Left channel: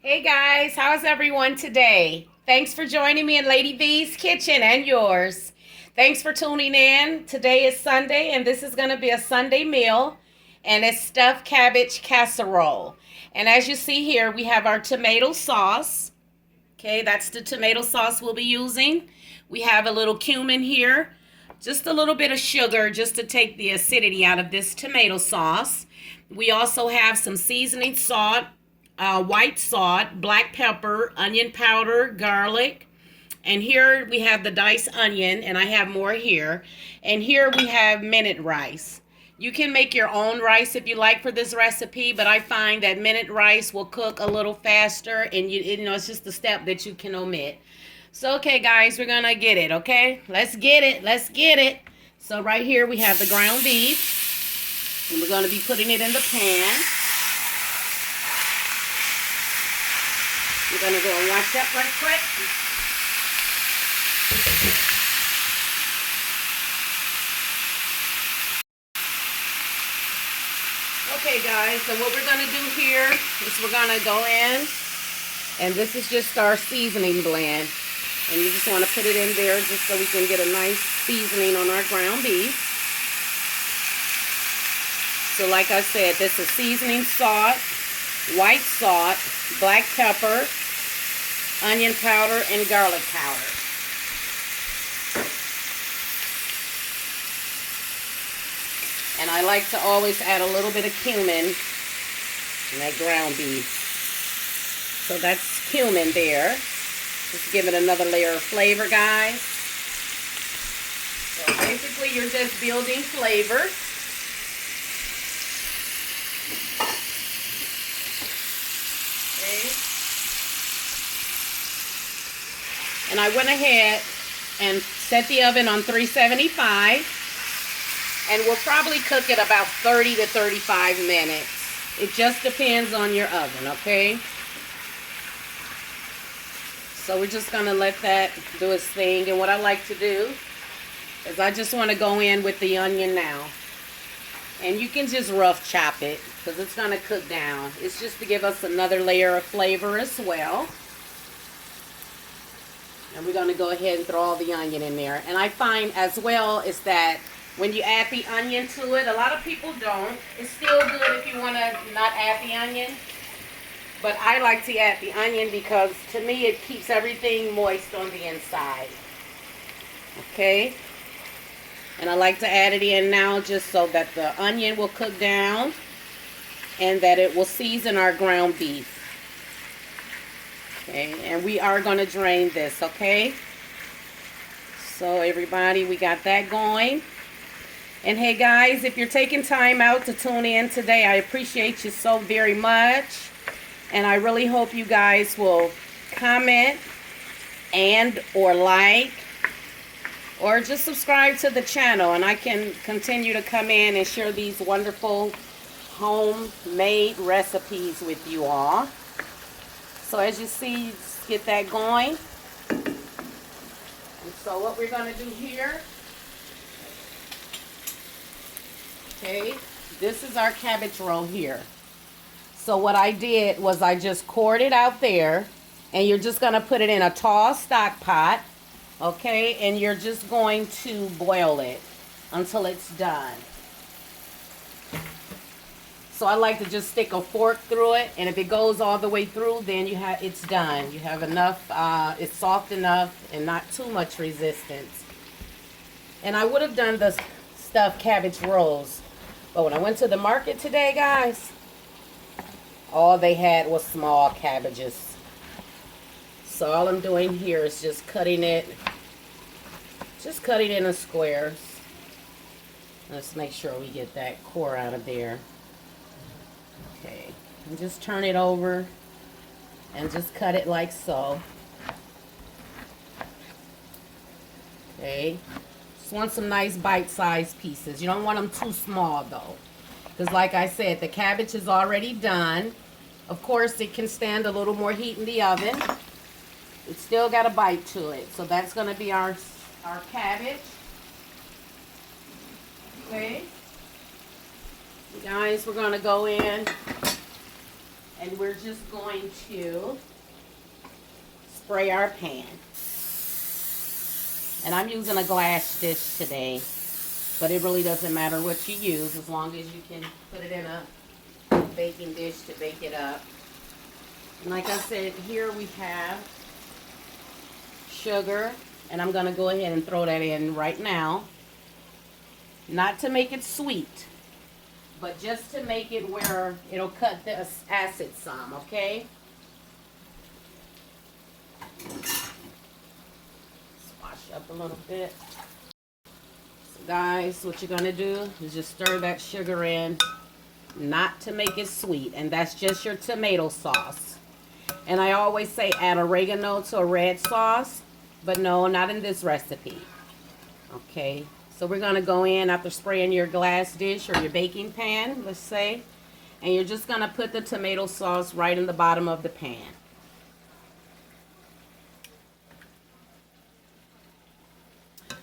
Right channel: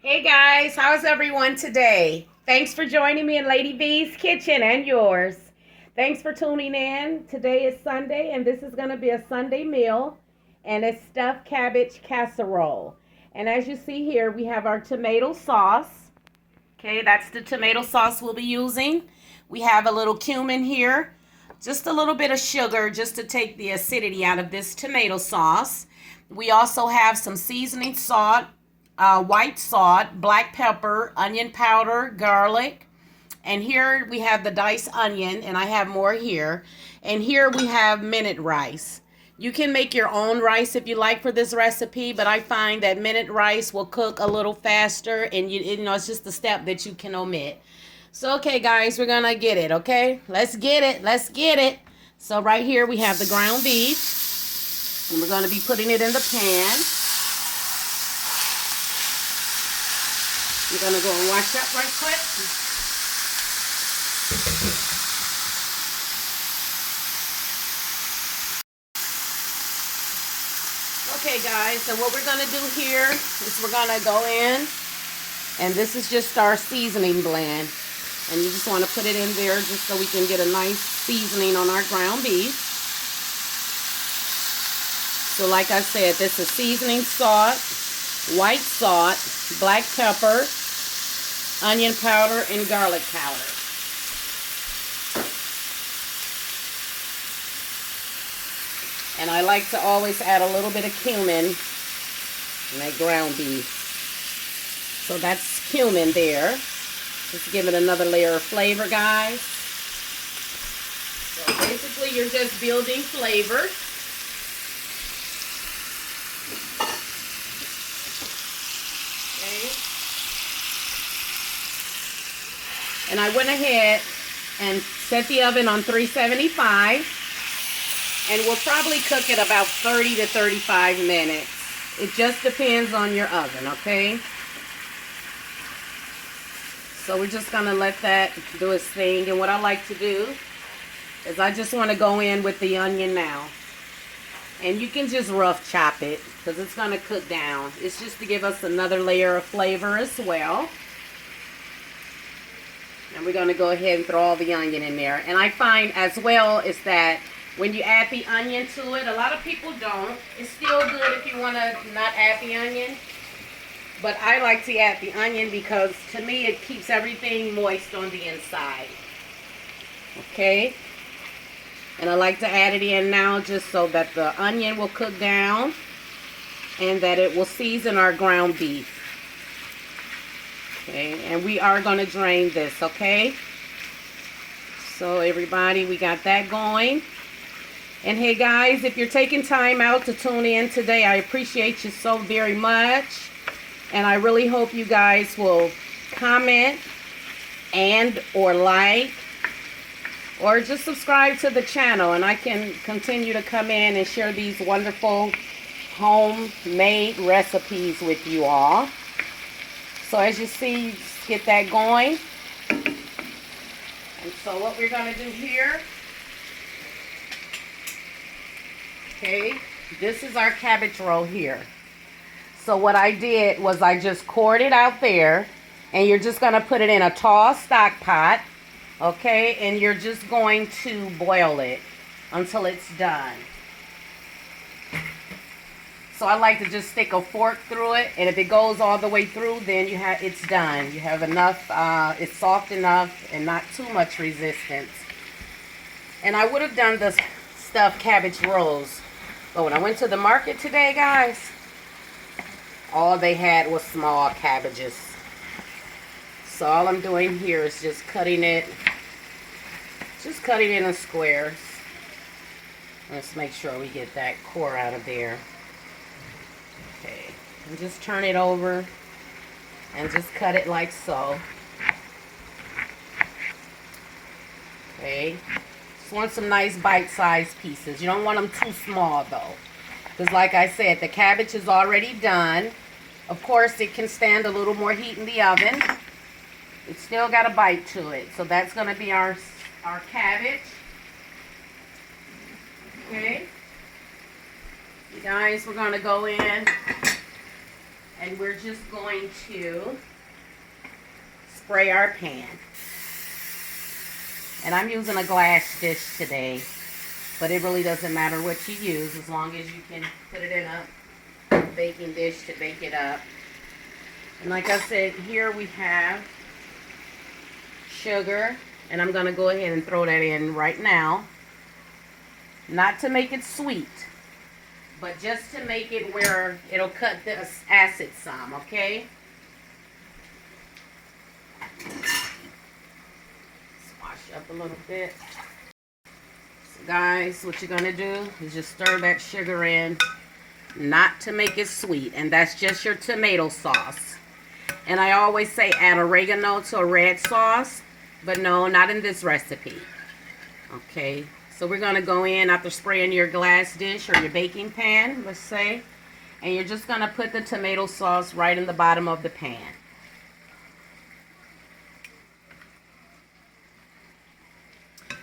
Hey guys, how's everyone today? Thanks for joining me in Lady V's kitchen and yours. Thanks for tuning in. Today is Sunday and this is going to be a Sunday meal and it's stuffed cabbage casserole. And as you see here, we have our tomato sauce. Okay, that's the tomato sauce we'll be using. We have a little cumin here, just a little bit of sugar just to take the acidity out of this tomato sauce. We also have some seasoning salt, white salt, black pepper, onion powder, garlic. And here we have the diced onion, and I have more here. And here we have minute rice. You can make your own rice if you like for this recipe, but I find that minute rice will cook a little faster, and it's just a step that you can omit. So, okay, guys, we're gonna get it, okay? Let's get it, let's get it. So right here we have the ground beef, and we're gonna be putting it in the pan. We're gonna go and wash that right quick. Okay guys, so what we're gonna do here is we're gonna go in, and this is just our seasoning blend. And you just want to put it in there just so we can get a nice seasoning on our ground beef. So like I said, this is seasoning salt, white salt, black pepper, onion powder, and garlic powder. And I like to always add a little bit of cumin in that ground beef. So that's cumin there. Just give it another layer of flavor, guys. So basically you're just building flavor. Okay. And I went ahead and set the oven on 375. And we'll probably cook it about 30 to 35 minutes. It just depends on your oven, okay? So we're just gonna let that do its thing. And what I like to do is I just wanna go in with the onion now. And you can just rough chop it because it's gonna cook down. It's just to give us another layer of flavor as well. And we're gonna go ahead and throw all the onion in there. And I find as well is that when you add the onion to it, a lot of people don't. It's still good if you wanna not add the onion. But I like to add the onion because to me it keeps everything moist on the inside. Okay? And I like to add it in now just so that the onion will cook down and that it will season our ground beef. Okay? And we are going to drain this, okay? So everybody, we got that going. And hey guys, if you're taking time out to tune in today, I appreciate you so very much. And I really hope you guys will comment and or like or just subscribe to the channel, and I can continue to come in and share these wonderful homemade recipes with you all. So as you see, just get that going. And so what we're going to do here, okay, this is our cabbage roll here. So what I did was I just poured it out there, and you're just going to put it in a tall stock pot, okay, and you're just going to boil it until it's done. So I like to just stick a fork through it, and if it goes all the way through, then it's done. You have enough, it's soft enough and not too much resistance. And I would have done the stuffed cabbage rolls, but when I went to the market today, guys, all they had was small cabbages. So all I'm doing here is just cutting it in squares. Let's make sure we get that core out of there. Okay, and just turn it over and just cut it like so. Okay, just want some nice bite-sized pieces. You don't want them too small though, because like I said, the cabbage is already done. Of course, it can stand a little more heat in the oven. It's still got a bite to it. So that's going to be our cabbage. Okay. You guys, we're going to go in And we're just going to spray our pan. And I'm using a glass dish today, but it really doesn't matter what you use as long as you can put it in a baking dish to bake it up. And like I said, here we have sugar, and I'm going to go ahead and throw that in right now. Not to make it sweet, but just to make it where it'll cut the acid some, okay? Swash up a little bit. So guys, what you're gonna do is just stir that sugar in, not to make it sweet, and that's just your tomato sauce. And I always say add oregano to a red sauce, but no, not in this recipe. Okay. So we're going to go in after spraying your glass dish or your baking pan, let's say, and you're just going to put the tomato sauce right in the bottom of the pan.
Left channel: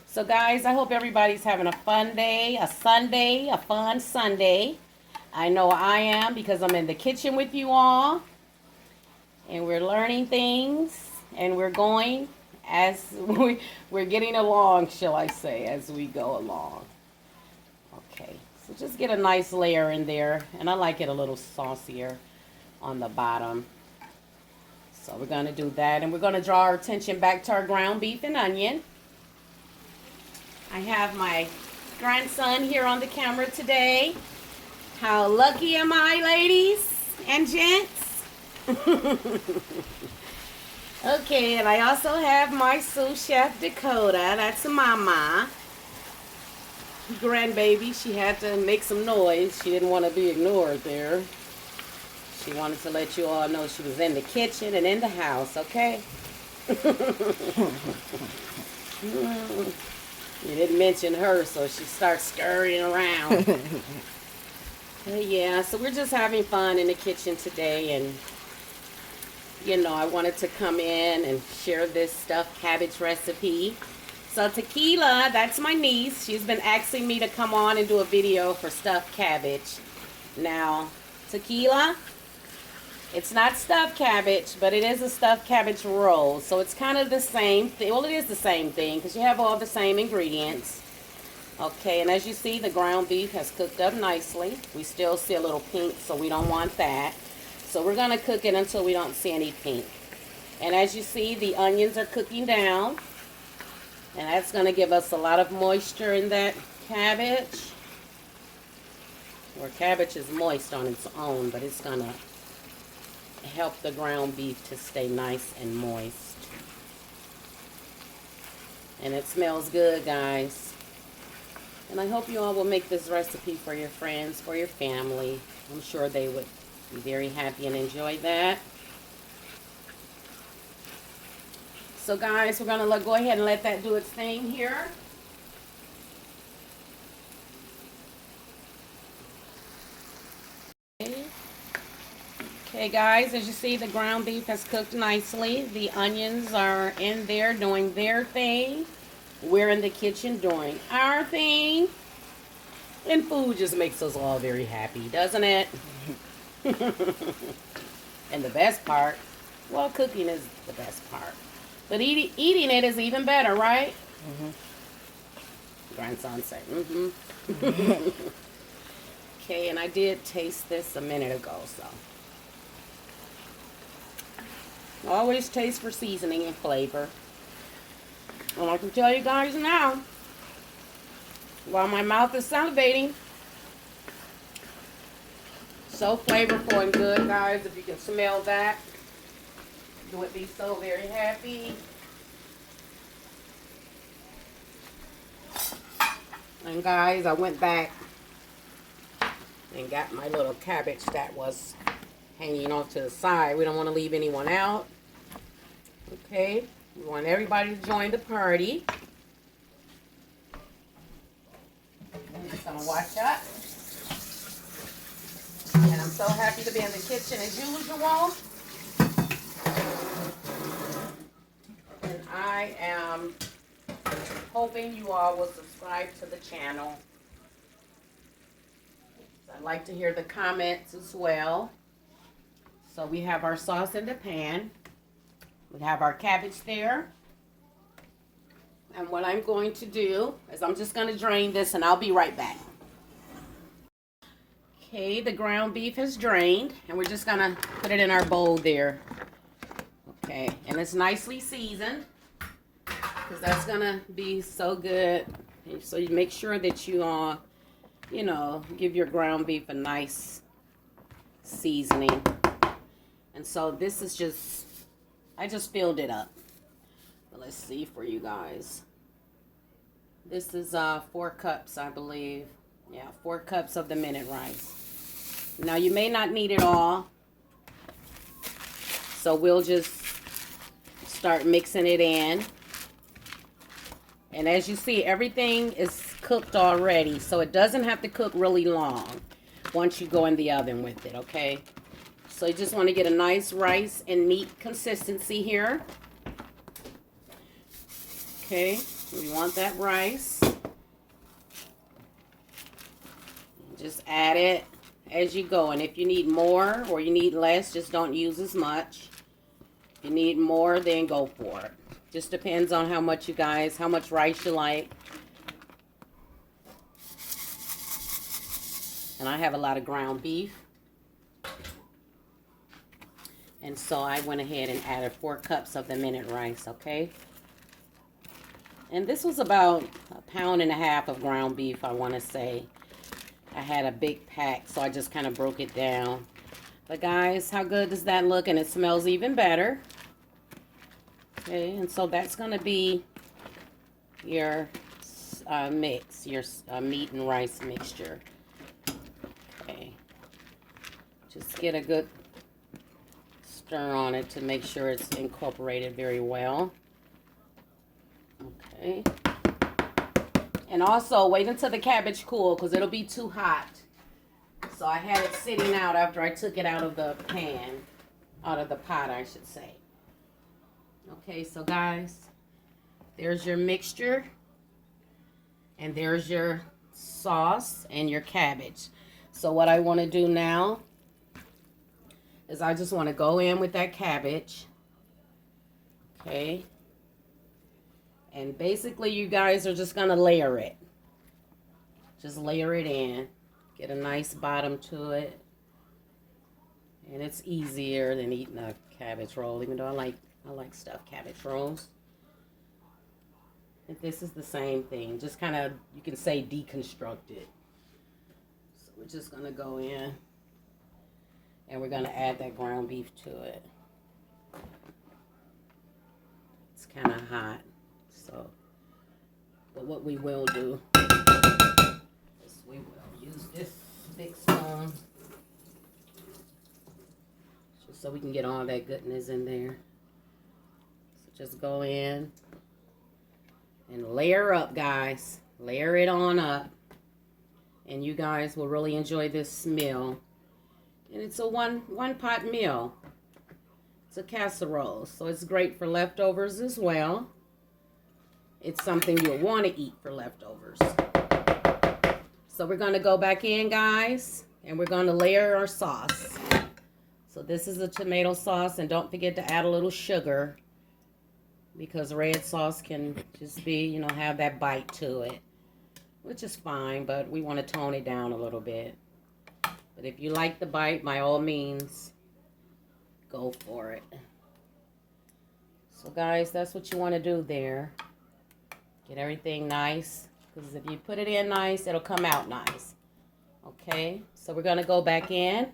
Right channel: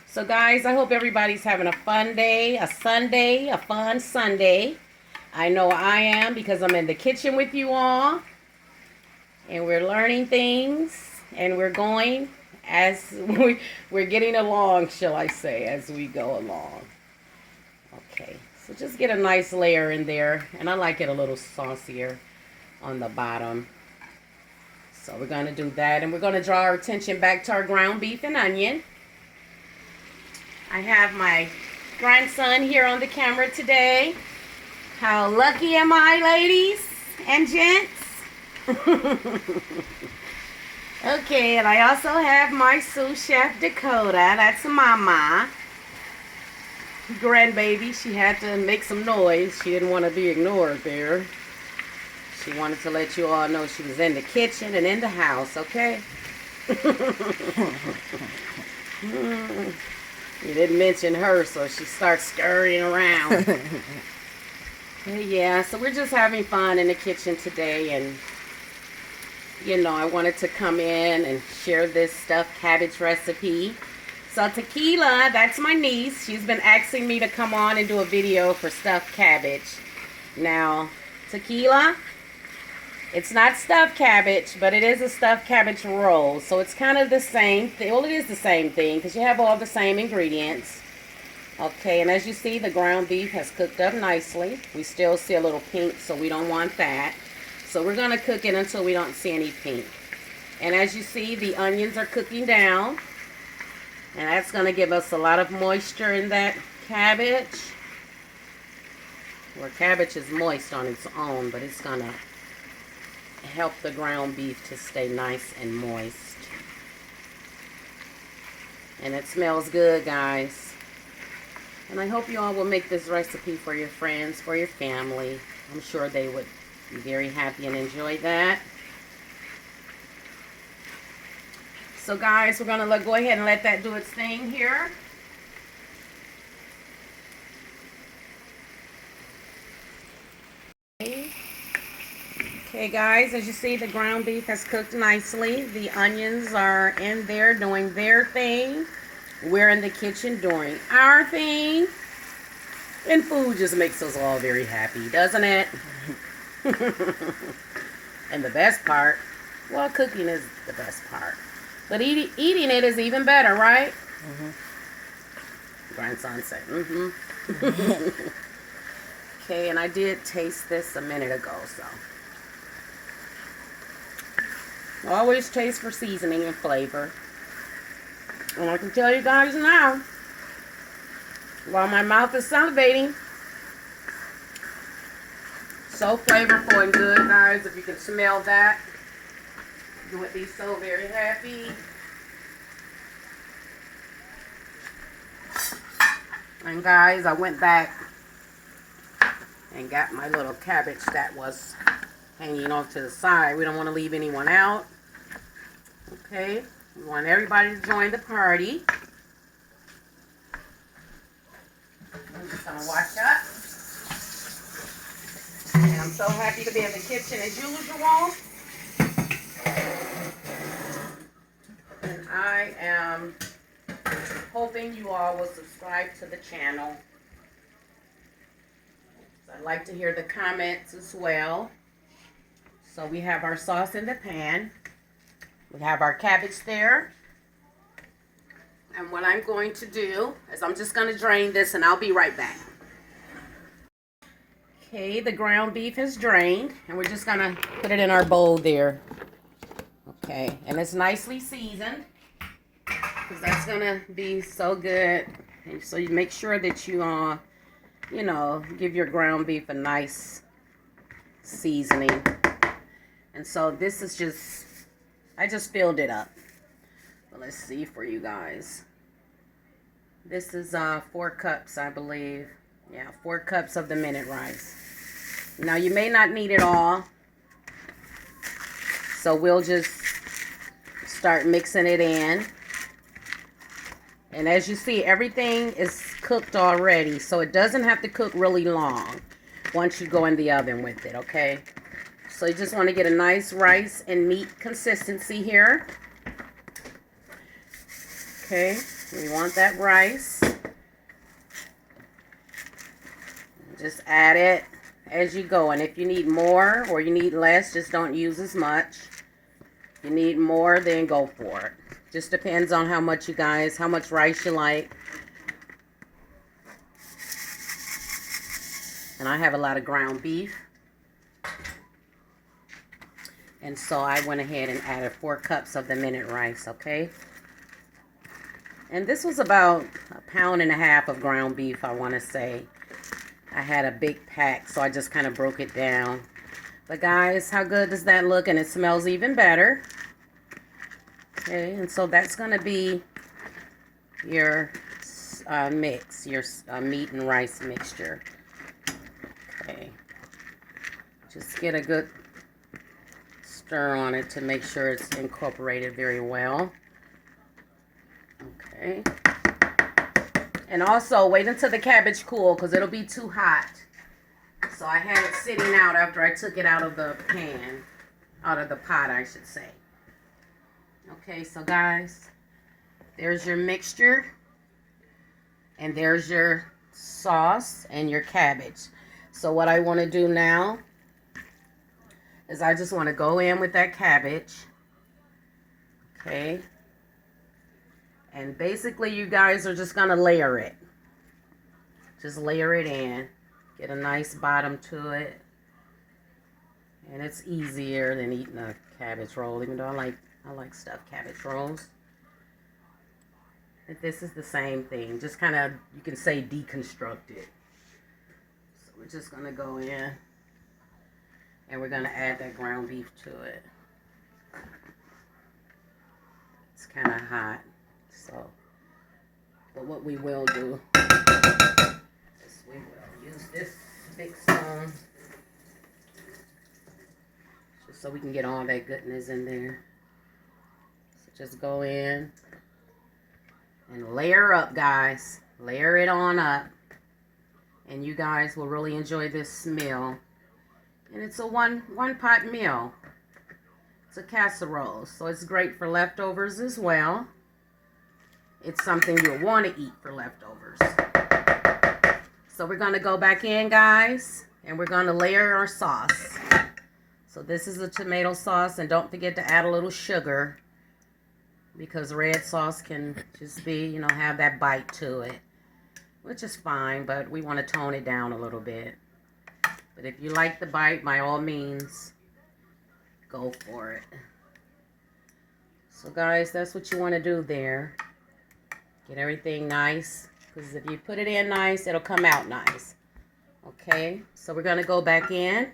So guys, I hope everybody's having a fun day, a Sunday, a fun Sunday. I know I am because I'm in the kitchen with you all, and we're learning things, and we're going as we're getting along, shall I say, as we go along. Okay, so just get a nice layer in there, and I like it a little saucier on the bottom. So we're going to do that, and we're going to draw our attention back to our ground beef and onion. I have my grandson here on the camera today. How lucky am I, ladies and gents? Okay, and I also have my sous chef Dakota. That's Mama. Grandbaby, she had to make some noise. She didn't want to be ignored there. She wanted to let you all know she was in the kitchen and in the house, okay? You didn't mention her, so she starts scurrying around. Yeah, so we're just having fun in the kitchen today, and you know, I wanted to come in and share this stuffed cabbage recipe. So Tequila, that's my niece. She's been asking me to come on and do a video for stuffed cabbage. Now, Tequila, it's not stuffed cabbage, but it is a stuffed cabbage roll. So it's kind of the same thing. Well, it is the same thing because you have all the same ingredients. Okay, and as you see, the ground beef has cooked up nicely. We still see a little pink, so we don't want that. So we're going to cook it until we don't see any pink. And as you see, the onions are cooking down. And that's going to give us a lot of moisture in that cabbage. Where cabbage is moist on its own, but it's going to help the ground beef to stay nice and moist. And it smells good, guys. And I hope you all will make this recipe for your friends, for your family. I'm sure they would be very happy and enjoy that. So guys, we're going to go ahead and let that do its thing here. Okay guys, as you see, the ground beef has cooked nicely. The onions are in there doing their thing. We're in the kitchen doing our thing. And food just makes us all very happy, doesn't it? And the best part, well, cooking is the best part. But eating it is even better, right? Mm-hmm. Grandson said, mm-hmm. Okay, and I did taste this a minute ago, so. Always taste for seasoning and flavor. And I can tell you guys now, while my mouth is salivating, so flavorful and good, guys. If you can smell that, you would be so very happy. And guys, I went back and got my little cabbage that was hanging off to the side. We don't want to leave anyone out. Okay, we want everybody to join the party. I'm just going to wash up. And I'm so happy to be in the kitchen as usual. And I am hoping you all will subscribe to the channel. I'd like to hear the comments as well. So we have our sauce in the pan. We have our cabbage there. And what I'm going to do is I'm just going to drain this and I'll be right back. Okay, the ground beef is drained and we're just going to put it in our bowl there. Okay, and it's nicely seasoned because that's going to be so good. And so you make sure that you, give your ground beef a nice seasoning. And so this is just, I just filled it up. Well, let's see for you guys. This is 4 cups, I believe. Yeah, 4 cups of the minute rice. Now you may not need it all. So we'll just start mixing it in. And as you see, everything is cooked already. So it doesn't have to cook really long once you go in the oven with it, okay? So you just want to get a nice rice and meat consistency here. Okay, we want that rice. Just add it as you go. And if you need more or you need less, just don't use as much. If you need more, then go for it. Just depends on how much how much rice you like. And I have a lot of ground beef. And so I went ahead and added 4 cups of the minute rice, okay? And this was about 1.5 pounds of ground beef, I want to say. I had a big pack, so I just kind of broke it down. But guys, how good does that look? And it smells even better. Okay, and so that's going to be your mix, your meat and rice mixture. Okay. Just get a good stir on it to make sure it's incorporated very well. Okay. And also wait until the cabbage cool because it'll be too hot. So I had it sitting out after I took it out of the pan, out of the pot, I should say. Okay, so guys, there's your mixture and there's your sauce and your cabbage. So what I want to do now is I just want to go in with that cabbage. Okay. And basically you guys are just going to layer it. Just layer it in. Get a nice bottom to it. And it's easier than eating a cabbage roll, even though I like stuffed cabbage rolls. And this is the same thing. Just kind of, you can say, deconstruct it. So we're just going to go in. And we're going to add that ground beef to it. It's kind of hot. So, but what we will do is we will use this big spoon just so we can get all that goodness in there. So just go in and layer up, guys. Layer it on up. And you guys will really enjoy this meal. And it's a one pot meal. It's a casserole, so it's great for leftovers as well. It's something you'll want to eat for leftovers. So we're going to go back in, guys, and we're going to layer our sauce. So this is a tomato sauce, and don't forget to add a little sugar because red sauce can just be, have that bite to it, which is fine, but we want to tone it down a little bit. But if you like the bite, by all means, go for it. So guys, that's what you want to do there. Get everything nice, because if you put it in nice, it'll come out nice. Okay, so we're going to go back in.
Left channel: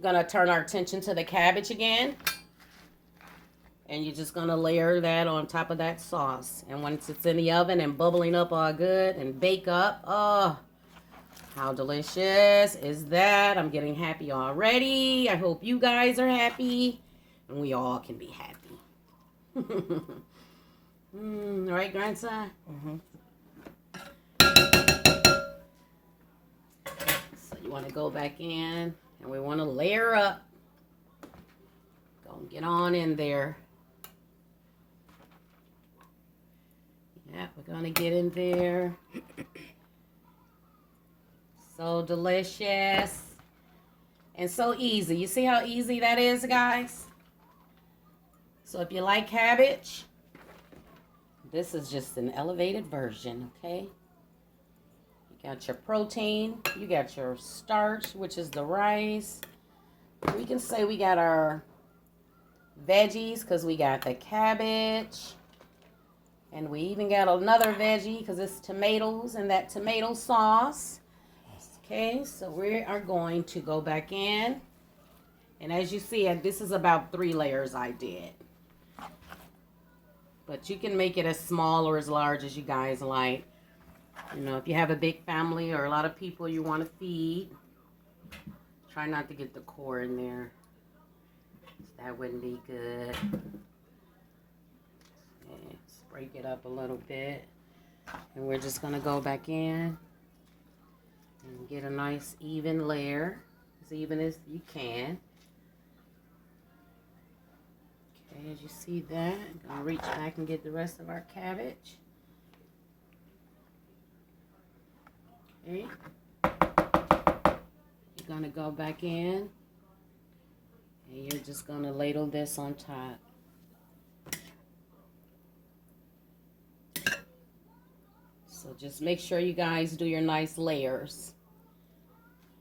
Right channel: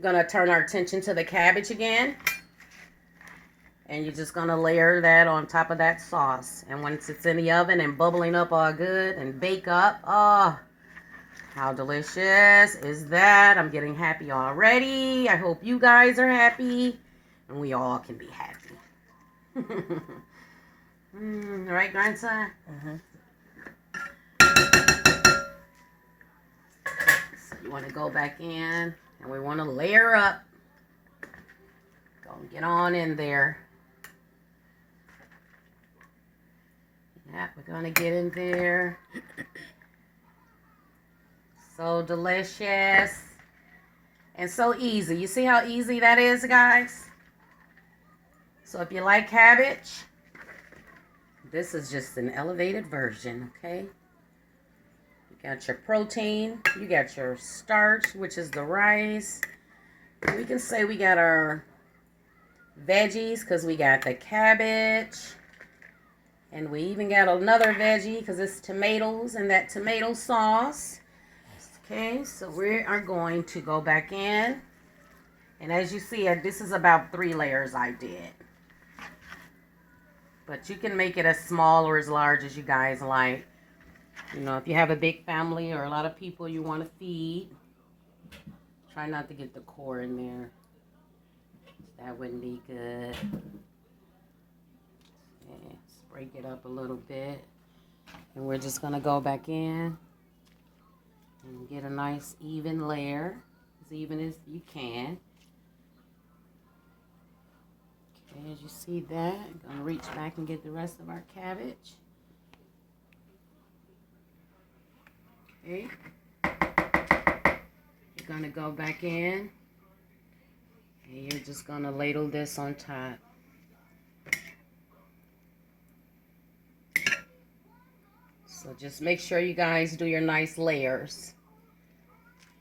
We're going to turn our attention to the cabbage again. And you're just going to layer that on top of that sauce. And once it's in the oven and bubbling up all good and bake up, oh, how delicious is that? I'm getting happy already. I hope you guys are happy. And we all can be happy. Right, grandson? So you want to go back in, and we want to layer up. Go and get on in there. Yeah, we're going to get in there. So delicious. and so easy. You see how easy that is, guys? So if you like cabbage, this is just an elevated version, okay? You got your protein, you got your starch, which is the rice. We can say we got our veggies because we got the cabbage. And we even got another veggie because it's tomatoes and that tomato sauce. Okay, so we are going to go back in. And as you see, this is about 3 layers I did. But you can make it as small or as large as you guys like. You know, if you have a big family or a lot of people you want to feed, try not to get the core in there. That wouldn't be good. Let's break it up a little bit. And we're just going to go back in and get a nice even layer, as even as you can. Okay, as you see that, I'm going to reach back and get the rest of our cabbage. Okay. You're going to go back in and you're just going to ladle this on top. So just make sure you guys do your nice layers.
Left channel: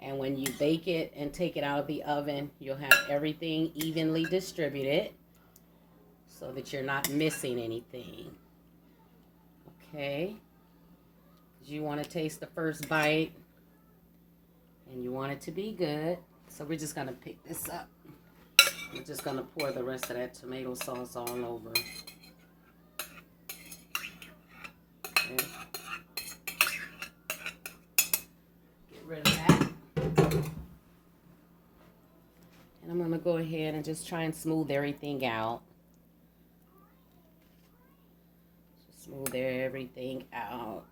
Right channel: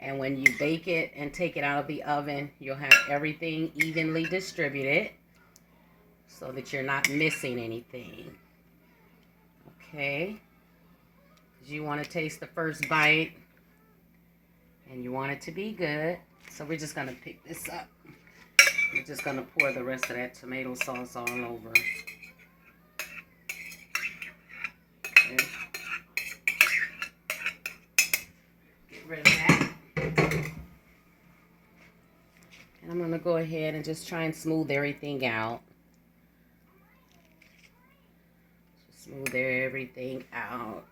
And when you bake it and take it out of the oven, you'll have everything evenly distributed so that you're not missing anything. Okay? Because you want to taste the first bite and you want it to be good. So we're just going to pick this up. We're just going to pour the rest of that tomato sauce all over. Okay. Get rid of that. And I'm going to go ahead and just try and smooth everything out. Just smooth everything out.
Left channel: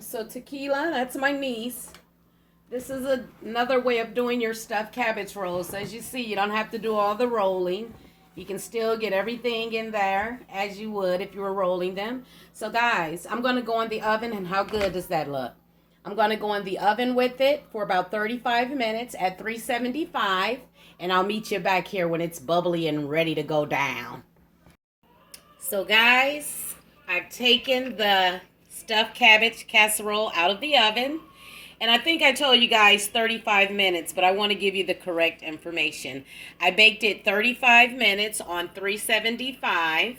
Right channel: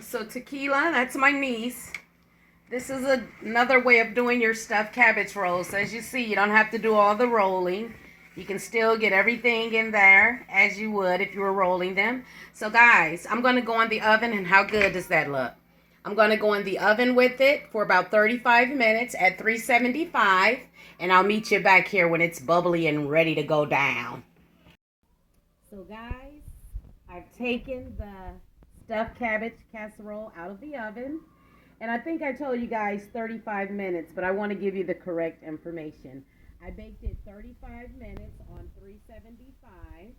So tequila, that's my niece. This is another way of doing your stuffed cabbage rolls. So as you see, you don't have to do all the rolling. You can still get everything in there as you would if you were rolling them. So guys, I'm going to go in the oven, and how good does that look? I'm going to go in the oven with it for about 35 minutes at 375, and I'll meet you back here when it's bubbly and ready to go down. So guys, I've taken the stuffed cabbage casserole out of the oven. And I think I told you guys 35 minutes, but I want to give you the correct information. I baked it 35 minutes on 375.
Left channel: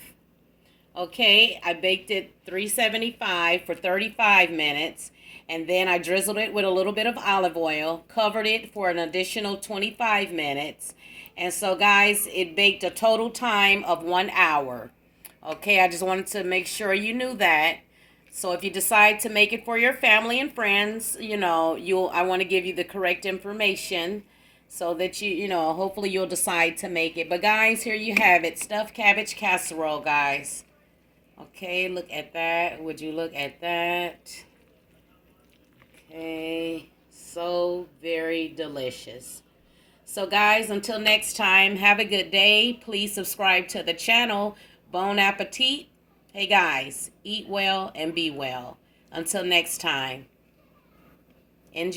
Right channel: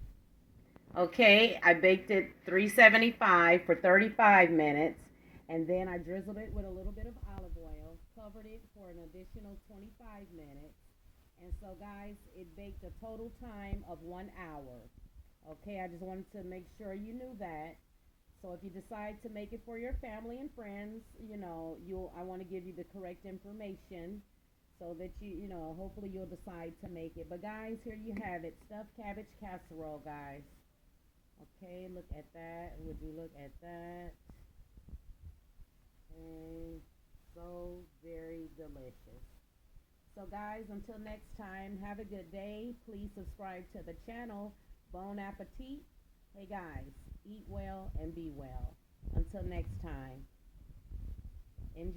Okay, I baked it 375 for 35 minutes. And then I drizzled it with a little bit of olive oil, covered it for an additional 25 minutes. And so guys, it baked a total time of 1 hour. Okay, I just wanted to make sure you knew that. So if you decide to make it for your family and friends, you know, I want to give you the correct information so that you know, hopefully you'll decide to make it. But guys, here you have it, stuffed cabbage casserole, guys. Okay, look at that. Would you look at that? Okay, so very delicious. So guys, until next time, have a good day. Please subscribe to the channel. Bon appetit. Hey guys, eat well and be well. Until next time, enjoy.